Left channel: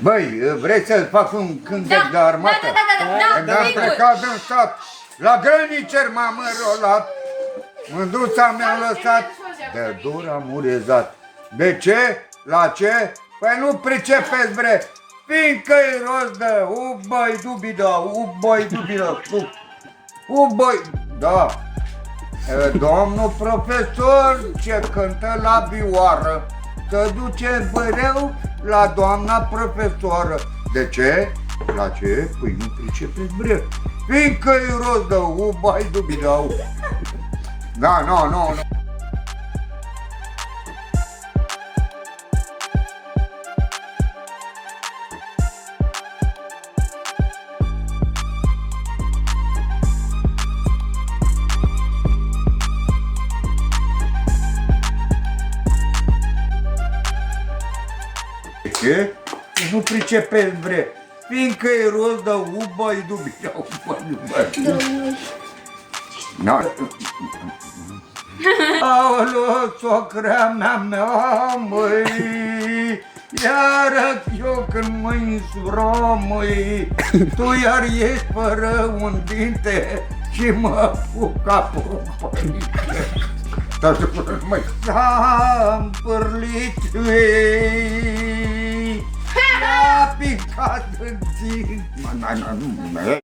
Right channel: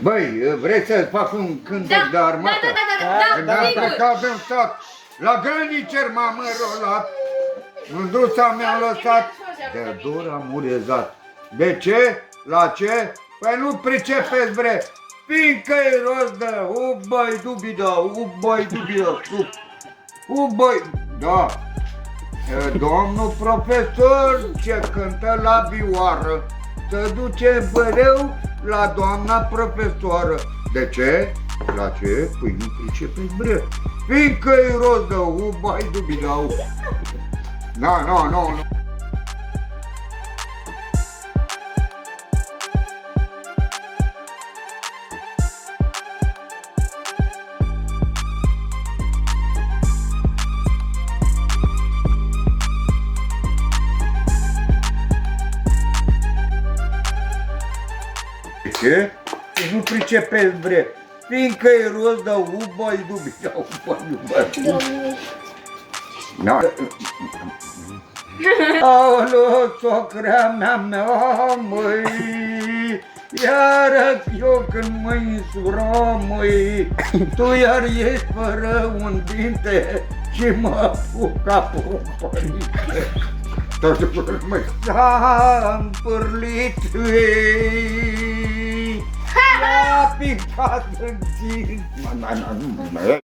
Băi, vrei să fac un cântec de armată? Da, Am plecat în sat, la grănicer m-am înrolat, mândruța mi-a lăsat, de dor am urezat. De ce? La ce? Păi nu pricepeți, bre, fiindcă-i rost de ubăi dubidă, ubăi dubidă, ubăi, da. Domnul profesor ce cântă la vioară, să duce băreu la doamna profesoară. De ce? La ce? Păi nu pricepeți, bre, fiindcă-i rost de ubăi dubidă. Da, nu. Ce? Nu pricepeți, bre, fiindcă-i rost de ubăi dubidă, ubăi. Na. Aoleu, socrea mea, măi, iară eu când mă insuram, măi, tu iar ești fără un dinte și mă fug capul, măi. S-a împârlit, a picat în țin.